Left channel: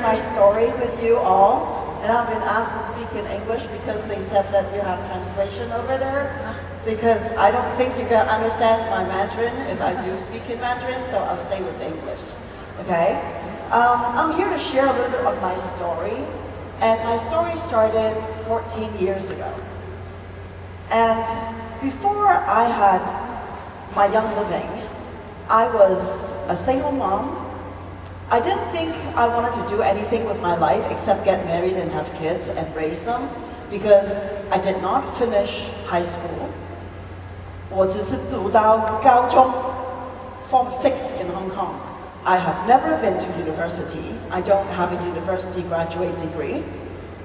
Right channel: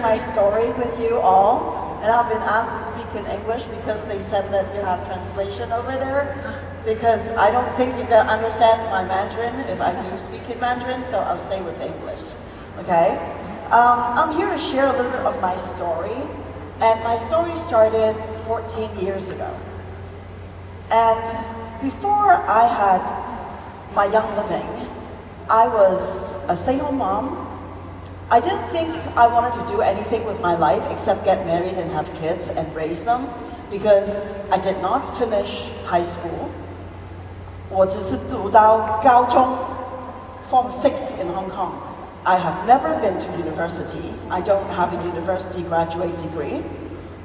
My story with you all, and I've been asked to speak in English because they said that you have translation over there, because I don't think you can understand my Mandarin if I do speak in Mandarin, so I'll stay with English. Okay? I'm here to share a little bit of my story, and my story started 14 years ago. And before I had my young living, I was a stay-at-home mom. I didn't think I wanted to do anything with my life except get married and have kids and raise them, because I did not finish high school. 我只是读到高中 Form 6 in Hong Kong. I have never been to university. I don't have a university graduate degree.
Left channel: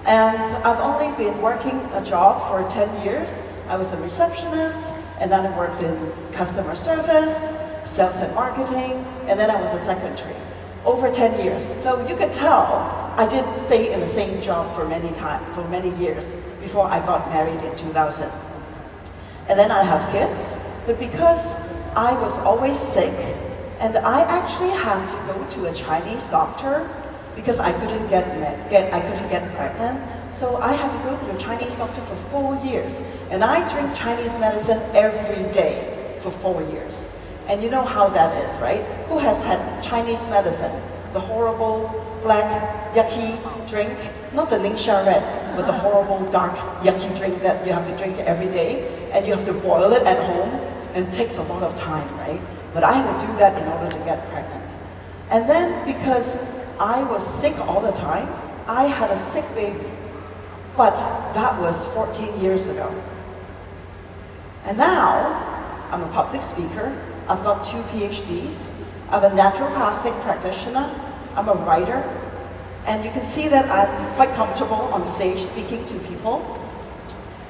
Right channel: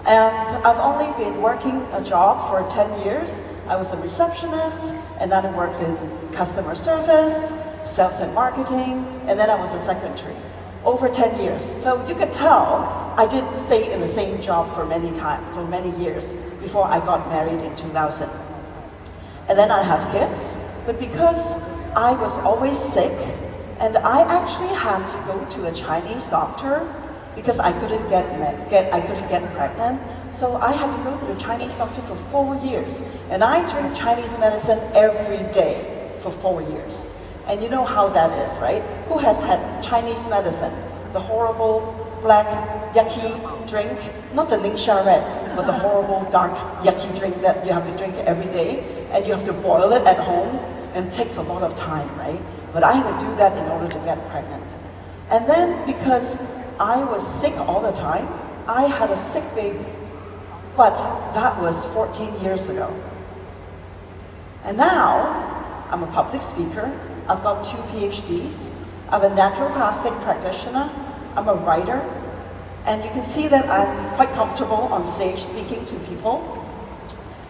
And I've only been working a job for 10 years. I was a receptionist, and then I worked in customer service, sales and marketing, and then I was a secretary. Over 10 years. So you could tell I didn't stay in the same job for many years before I got married in 2000. And then I have kids, but because I was always sick, and I actually had to go to a Chinese doctor because I couldn't get pregnant. So I had to go to a Chinese doctor for 4 years. And I drink Chinese medicine every day for 4 years. And you know how that is, right? Who has had Chinese medicine? The horrible, black, yucky drink? Not the Ningxia red, but the horrible, dark, yucky drink that you have to drink every day. And you have to boil it at home, and it takes a lot of time, right? But I had to do that in order to get pregnant. And then because I was sick all the time, I had a sick baby. But that was 14 years ago. And now, I'm a public speaker. I've got 2 PhDs. I'm a naturopathic practitioner. I'm a writer. And you can see that I'm quite comfortable on stage speaking to people.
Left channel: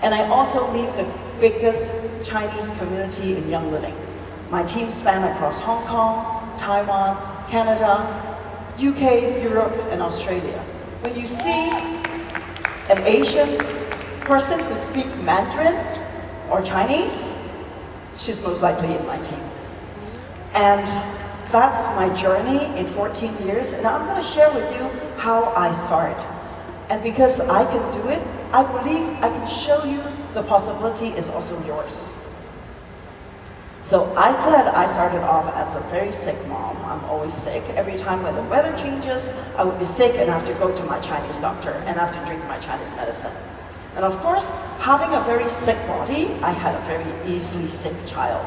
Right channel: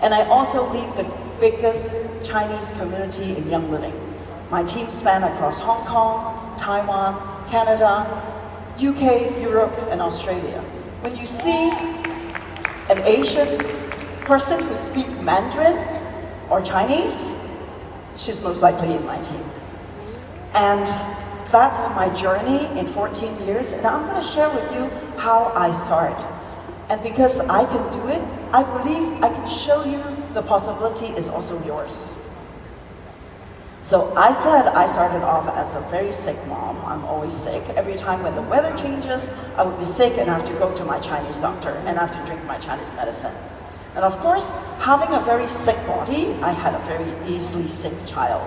And I also lead the biggest Chinese community in Young Living. My team span across Hong Kong, Taiwan, Canada, UK, Europe, and Australia. When you see an Asian person who speaks Mandarin or Chinese, she's most likely in my team. And that's my journey in 14 years, and I'm going to share with you how I started. And because I can do it, I believe I can show you the possibility is also yours. So I said I started off as a very sick mom. I'm always sick. Every time when the weather changes, I would be sick and I have to go to my Chinese doctor and I have to drink my Chinese medicine. And of course, having a very sick body, I had a very easily sick child.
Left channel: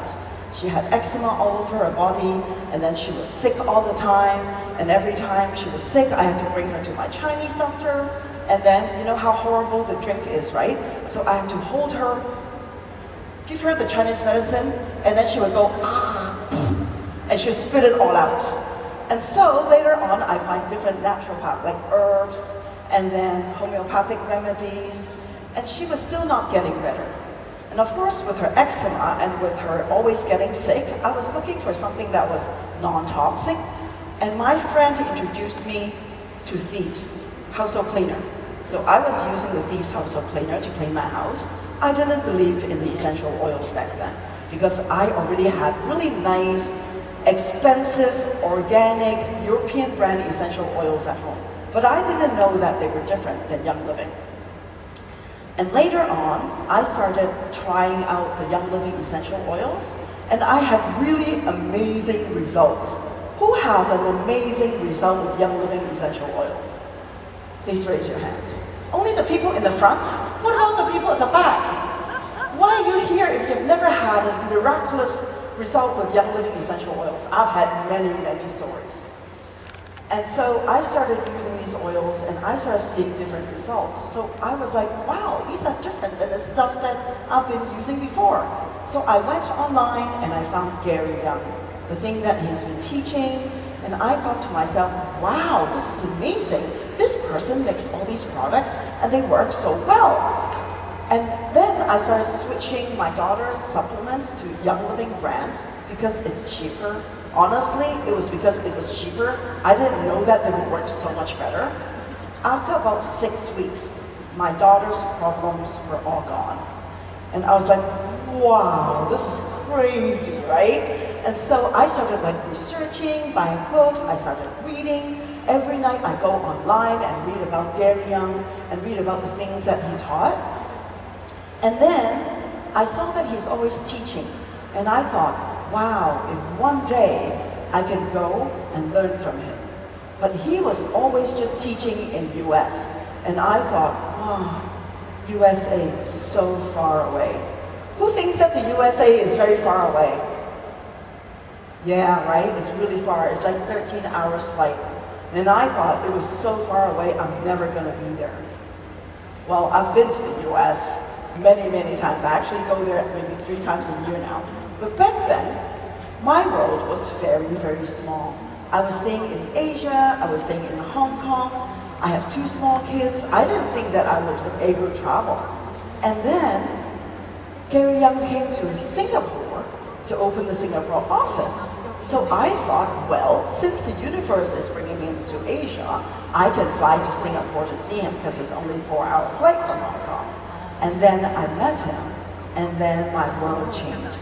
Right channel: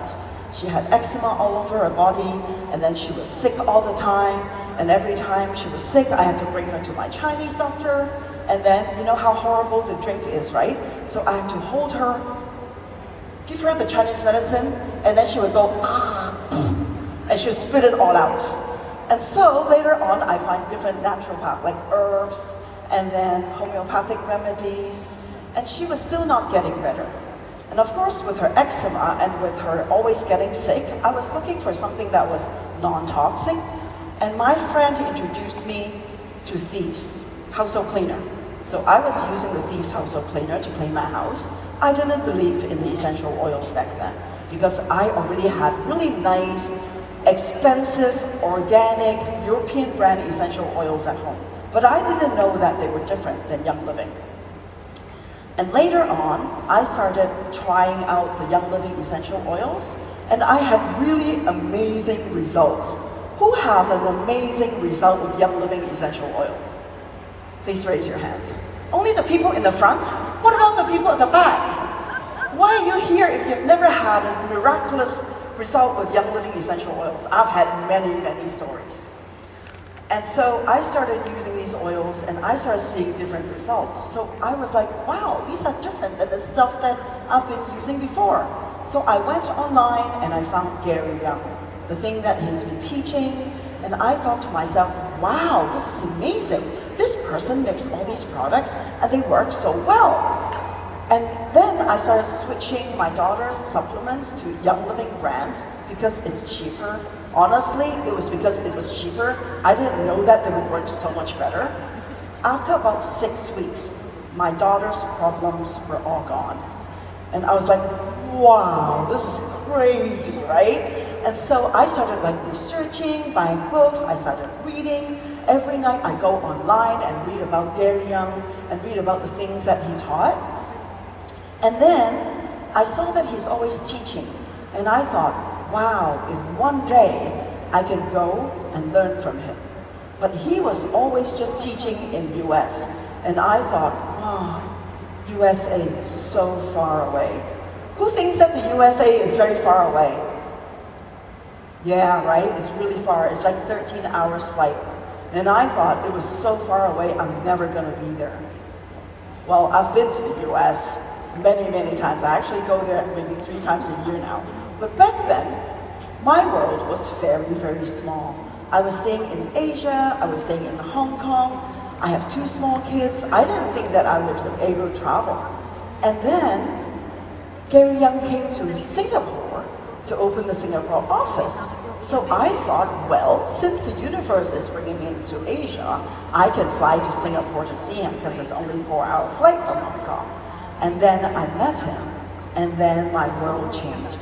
She had eczema all over her body, and then she was sick all the time, and every time she was sick, I had to bring her to my Chinese doctor, and then, you know how horrible the drink is, right? So I had to hold her, give her the Chinese medicine, and then she would go, and she would spit it all out. And so later on, I find different naturopaths, like herbs, and then homeopathic remedies, and she was still not getting better. And of course, with her eczema and with her always getting sick, I was looking for something that was non-toxic. And my friend introduced me to Thieves household cleaner. So I was using the Thieves household cleaner to clean my house. I didn't believe in the essential oils back then because I already had really nice, expensive, organic, European brand essential oils at home. But I didn't know that they were different than Young Living. And later on, I started trying out the Young Living essential oils, and I had really amazing results. Who have an amazing result with Young Living essential oil? Please raise your hand. Only the people in the front? What about the people in the back? Why are you here if you've never had a miraculous result with Young Living essential oils? I've had many, many stories. And so I started using these oils and I started seeing different results. So I was like, wow, these are different than the stuff that I've been using before. So I went online and I found Gary Young, the thing that he's been teaching, and I thought to myself, wow, this is amazing. This person makes all these products and they work so well. And then I started switching my daughter's supplements to Young Living brands because it's cheaper. Honestly, it was because it was cheaper. I didn't know that they would work so much better. After about 6 weeks, my daughter's problems were all gone. And I was like, wow, this is crazy, right? And so I started like researching, buying books, I started reading, Every night I go online and read about Gary Young and read about the things that he taught. And then I saw that he's always teaching. And I thought, wow, in one day I can go and learn from him. But he was always just teaching in US. And I thought, oh, USA is so far away. Who thinks that the USA is very far away? Yeah, right? It's really far. It's like 13 hours flight. And I thought it was so far away, I'm never going to be there. Well, I've been to the US many, many times. I actually go there maybe 3 times a year now. But back then, my world was very, very small. I was staying in Asia, I was staying in Hong Kong. I have 2 small kids. I didn't think that I would be able to travel. And then, Gary Young came to Singapore to open the Singapore office. So I thought, well, since the universe is bringing him to Asia, I can fly to Singapore to see him because it's only a 4-hour flight from Hong Kong. And then I met him, and then my world changed.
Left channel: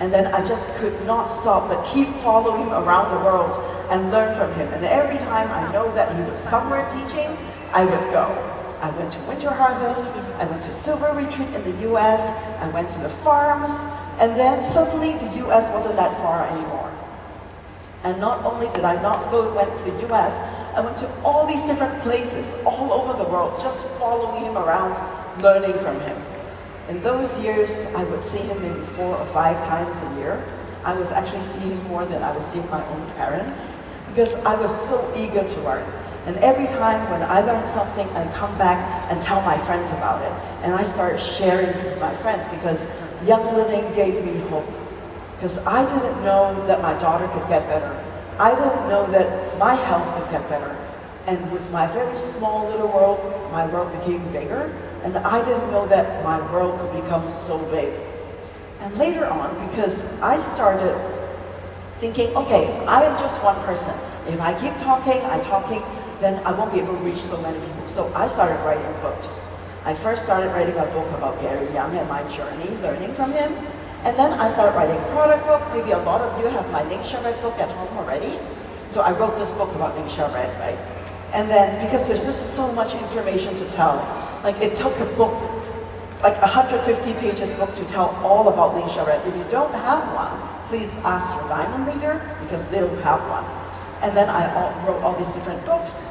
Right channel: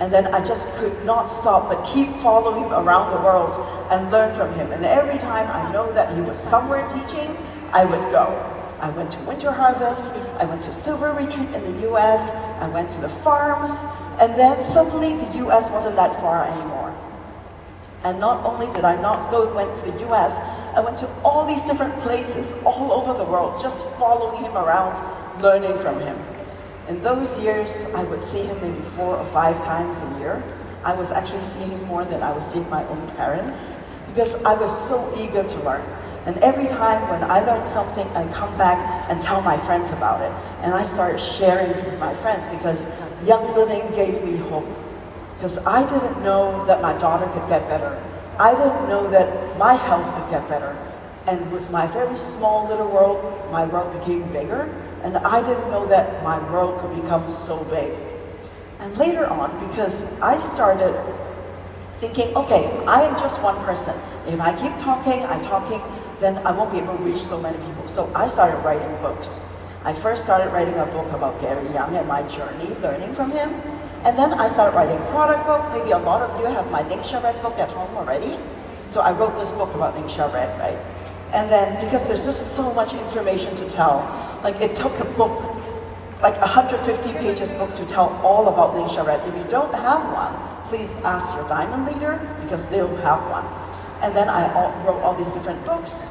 And then I just could not stop but keep following him around the world and learn from him. And every time I know that he was somewhere teaching, I would go. I went to Winter Harvest, I went to Silver Retreat in the US, I went to the farms, and then suddenly the US wasn't that far anymore. And not only did I not went to the US, I went to all these different places all over the world, just following him around, learning from him. In those years, I would see him maybe 4 or 5 times a year. I was actually seeing him more than I was seeing my own parents, because I was so eager to learn. And every time when I learned something, I'd come back and tell my friends about it. And I started sharing with my friends because Young Living gave me hope. Because I didn't know that my daughter could get better. I didn't know that my health could get better. And with my very small little world, my world became bigger. And I didn't know that my world could become so big. And later on, because I started thinking, okay, I am just one person. If I keep talking, then I won't be able to reach so many people. So I started writing books. I first started writing a book about Gary Young and my journey, learning from him. And then I started writing a product book. Maybe a lot of you have my Ning Xiaored book at home already. So I wrote this book about Ning Xiaored, right? And then, because there's just so much information to tell, like it took a book, like 150 pages book to tell all about Ning Xiaored. If you don't have one, please ask your diamond leader, because they'll have one. And then I wrote all these different books.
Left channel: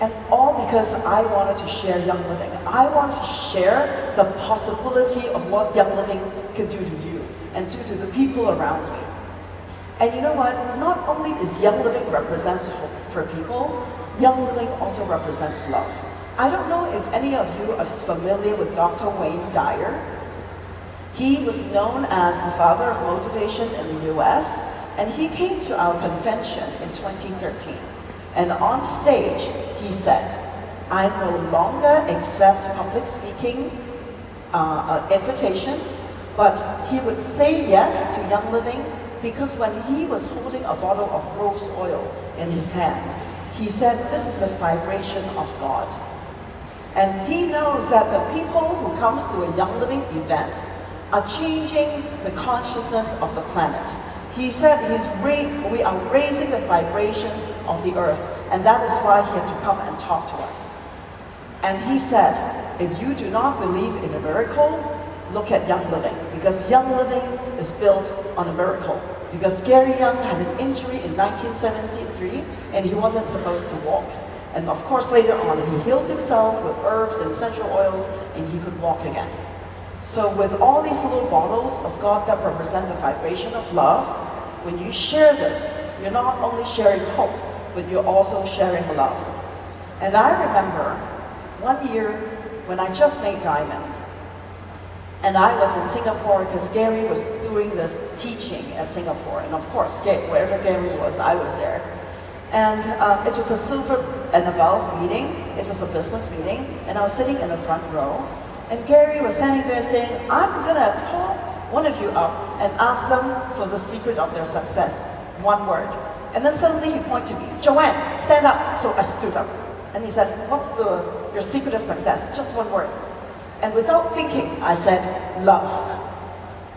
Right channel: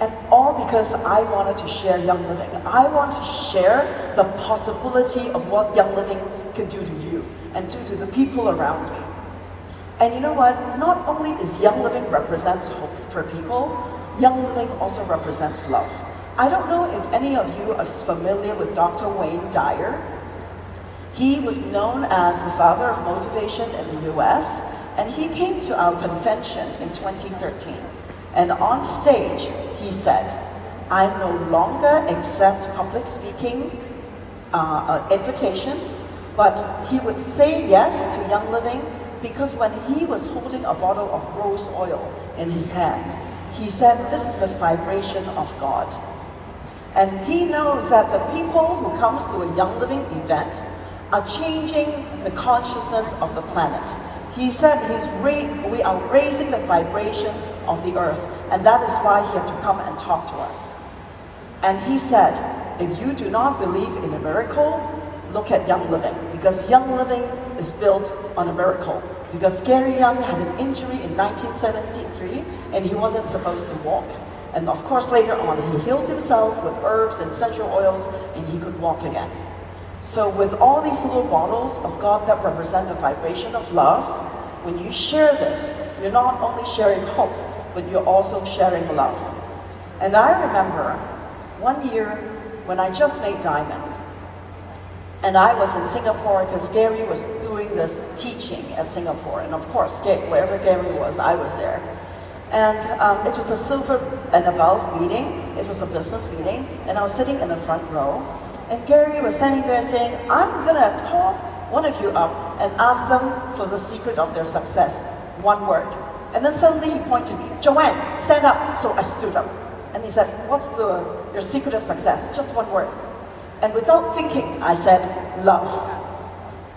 And all because I wanted to share Young Living. I want to share the possibility of what Young Living can do to you and to the people around me. And you know what? Not only is Young Living represents hope for people, Young Living also represents love. I don't know if any of you are familiar with Dr. Wayne Dyer. He was known as the father of motivation in the US, and he came to our convention in 2013. And on stage, he said, I no longer accept public speaking invitations, but he would say yes to Young Living because when he was holding a bottle of rose oil in his hand, he said, this is the vibration of God. And he knows that the people who comes to a Young Living event are changing the consciousness of the planet. He said we are raising the vibration of the earth, and that is why he had to come and talk to us. And he said, if you do not believe in a miracle, look at Young Living, because Young Living is built on a miracle. Because Gary Young had an injury in 1973, and he wasn't supposed to walk. And of course, later on, he healed himself with herbs and essential oils, and he could walk again. So with all these little bottles of God that represent the vibration of love, when you share this, you're not only sharing hope, but you're also sharing love. And I remember one year when I just made Diamond, and I was in Singapore because Gary was doing this teaching at Singapore. And of course, wherever Gary was, I was there. And it was a silver and above meeting. It was a business meeting. And I was sitting in the front row. And Gary was standing there saying, I'm going to call one of you up and ask them for the secret of their success. One word. And then suddenly he pointed to me, Joanne, stand up. So I stood up. And he said, what's your secret of success? Just one word. And without thinking, I said, love.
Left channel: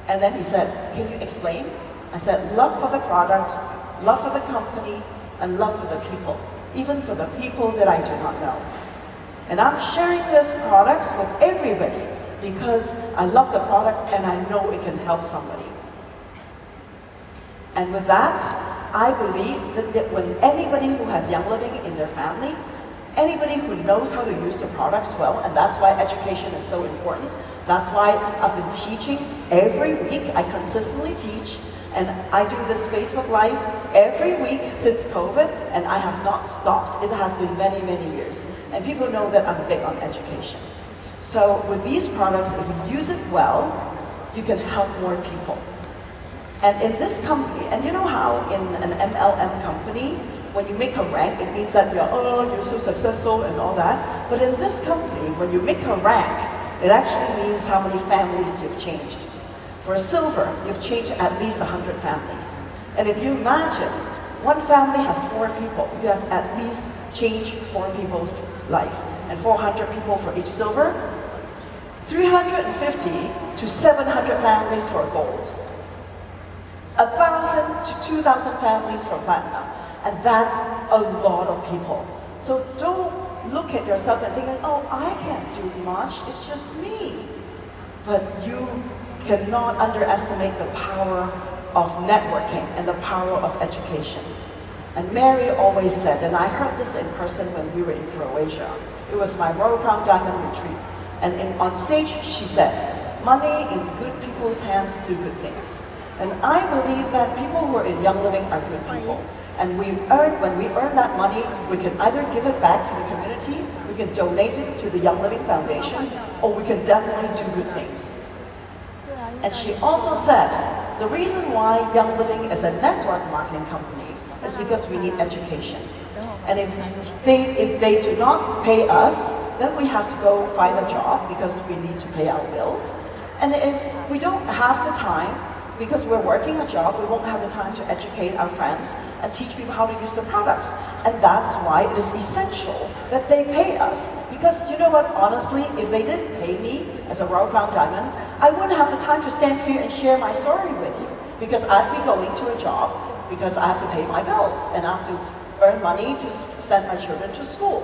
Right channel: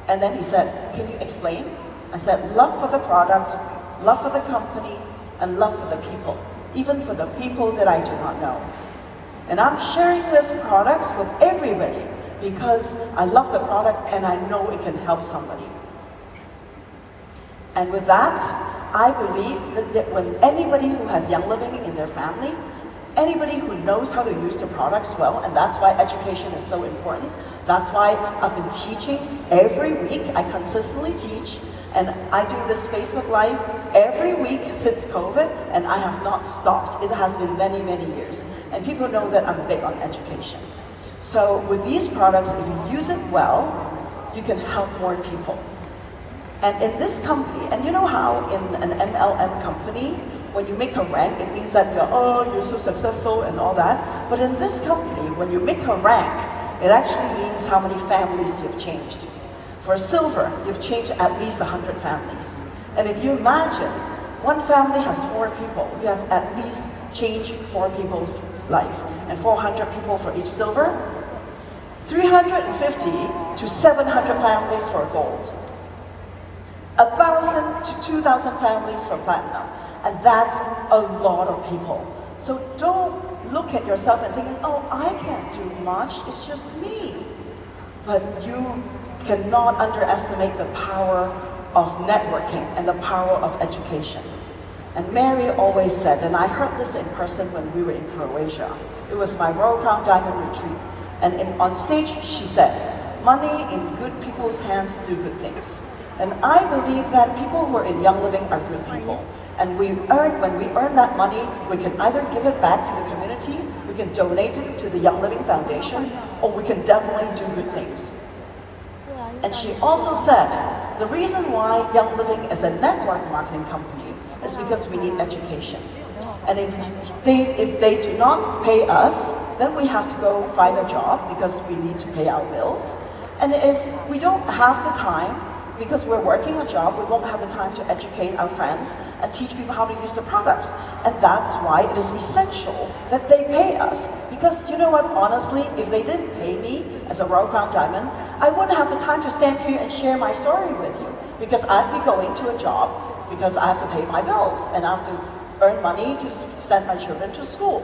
And then he said, can you explain? I said, love for the product, love for the company, and love for the people, even for the people that I do not know. And I'm sharing this products with everybody because I love the product and I know it can help somebody. And with that, I believe that when anybody who has Young Living in their family, anybody who knows how to use the products well, and that's why education is so important. That's why I've been teaching every week. I consistently teach, and I do this Facebook Live every week since COVID, and I have not stopped. It has been many, many years. And people know that I'm big on education. So with these products, if you use it well, you can help more people. And in this company, and you know how in an MLM company, when you make a rank, it means that you're so successful and all that. But in this company, when you make a rank, it actually means how many families you've changed. For silver, you've changed at least 100 families. And if you imagine, one family has 4 people, who has at least changed 4 people's life. And 400 people for each silver, 350 to 700 families for gold. 1,000 to 2,000 families for platinum. And that's a lot of people. So don't look at yourself and thinking, oh, I can't do much, it's just me. But you cannot underestimate the power of networking and the power of education. And Mary always said, and I heard this in person when we were in Croatia, it was my Royal Crown Diamond retreat, and on stage she said, money in good people's hands do good things. And I believe that people who are in Young Living are good people. And when we earn that money, we can either give it back to the community, we can donate it to the Young Living Foundation, or we can definitely do good things. And she also said, the reason why Young Living is a network marketing company is because we need education. And if they do not pay us, then we have to go find a job because we need to pay our bills. And if we don't have the time, because we're working a job, we won't have the time to educate our friends and teach people how to use the products. And that's why it is essential that they pay us. Because you know what, honestly, if they didn't pay me as a Royal Crown Diamond, I wouldn't have the time to stand here and share my story with you. Because I'd be going to a job because I have to pay my bills and I have to earn money to send my children to school.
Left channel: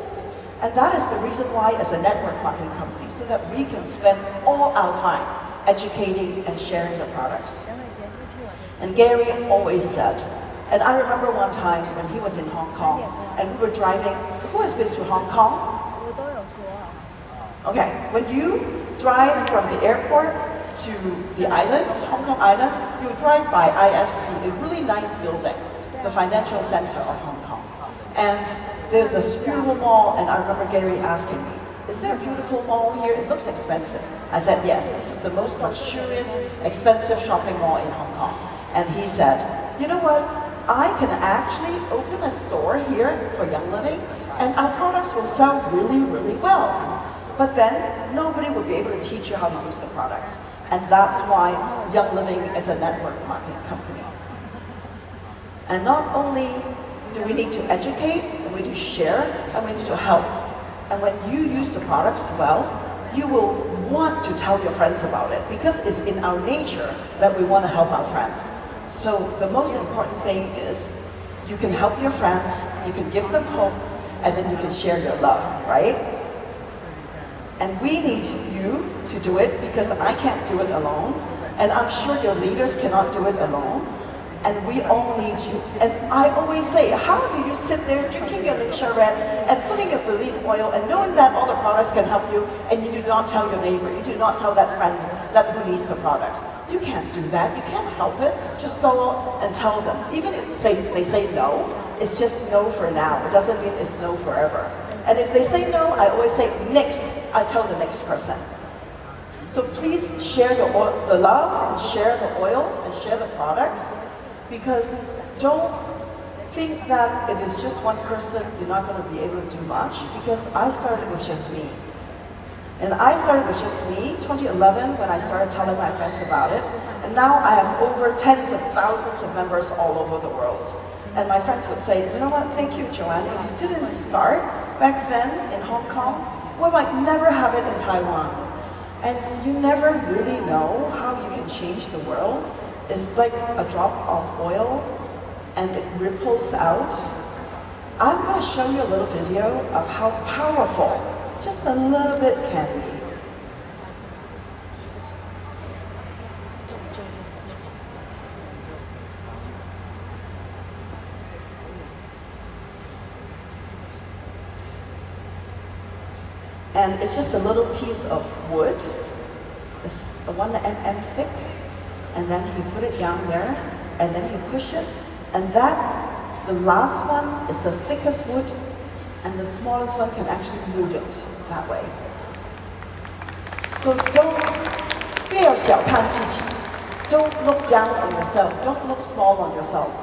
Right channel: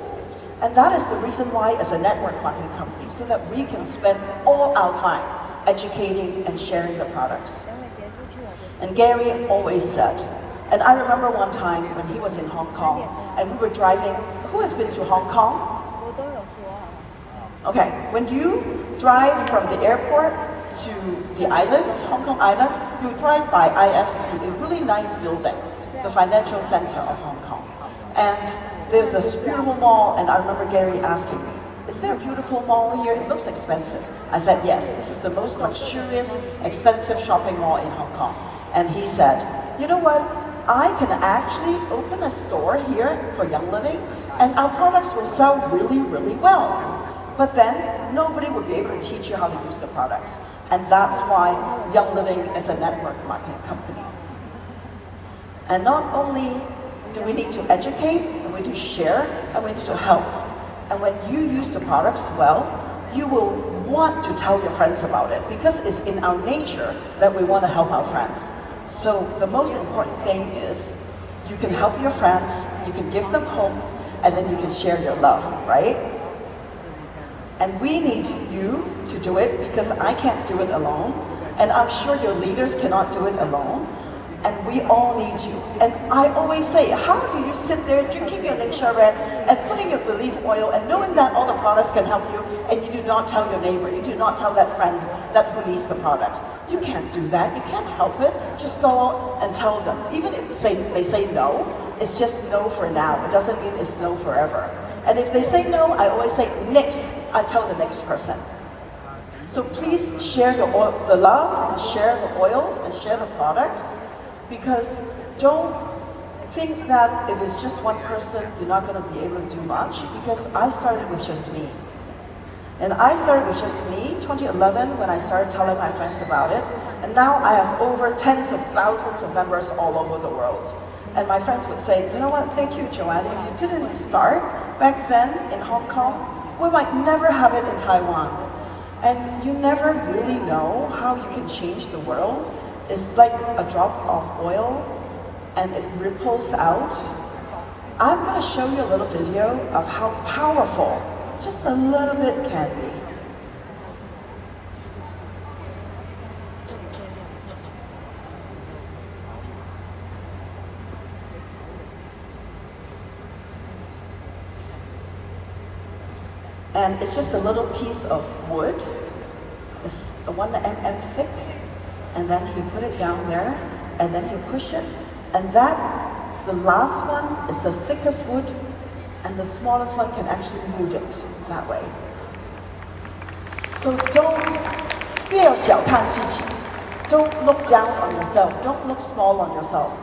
And that is the reason why as a network marketing company, so that we can spend all our time educating and sharing the products. And Gary always said, and I remember one time when he was in Hong Kong and we were driving, who has been to Hong Kong? Okay, when you drive from the airport to the island, Hong Kong Island, you drive by IFC, a really nice building, the financial center of Hong Kong. And there's a beautiful mall, and I remember Gary asking me, is there a beautiful mall here? It looks expensive. I said, yes, this is the most luxurious, expensive shopping mall in Hong Kong. And he said, you know what, I can actually open a store here for Young Living and our products will sell really, really well. But then nobody will be able to teach you how to use the products. And that's why Young Living is a network marketing company. And not only do we need to educate, and we need to share, and we need to help. And when you use the products well, you will want to tell your friends about it because it's in our nature that we want to help our friends. So the most important thing is you can help your friends, you can give them hope, and then you can share your love, right? And we need you to do it because I can't do it alone, and I'm sure your leaders cannot do it alone, and we all need you. And I always say, how do you sit there drinking your Ningxia Red and putting your belief oil and knowing that all the products can help you, and you do not tell your neighbor, you do not tell that friend that who needs the products? You can't do that, you can't help it. Just go and tell them. Even if they say no, it's just no for now. It doesn't mean it's no forever. And if they say no, I always say next, I tell the next person. So please share the love and share the oils and share the products, because don't think that if it's just one person, you're not going to be able to do much, because I started with just me. And I started with just me, 2011, when I started telling my friends about it. And now I have over tens of thousands of members all over the world. And my friends would say, you know what, thank you, Joanne. If you didn't start back then in Hong Kong, we might never have it in Taiwan. And you never really know how you can change the world. It's like a drop of oil, and it ripples out I'm going to show you a little video of how powerful just a little bit can be. And it's just a little piece of wood. It's 1 mm thick. And then he put it down there, and then he push it. And that, the last one is the thickest wood, and the smallest one can actually move it that way. So don't fear 小看自己. Don't look down on yourself. Don't look small on yourself.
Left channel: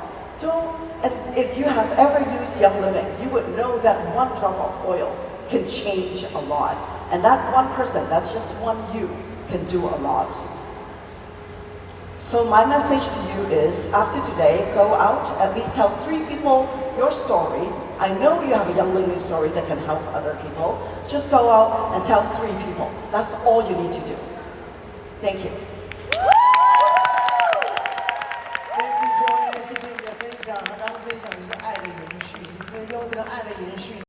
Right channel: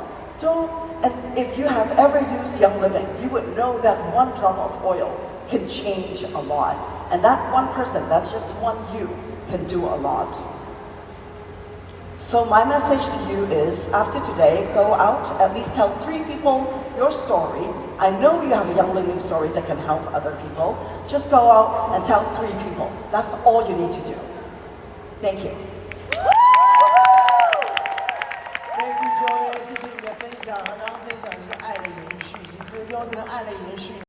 And if you have ever used Young Living, you would know that 1 drop of oil can change a lot. And that one person, that's just one you, can do a lot. So my message to you is, after today, go out, at least tell 3 people your story. I know you have a Young Living story that can help other people. Just go out and tell 3 people. That's all you need to do. Thank you. Thank you, Joanne，谢谢你的分享。刚刚分享的是爱的延续，其实用这个爱的延续。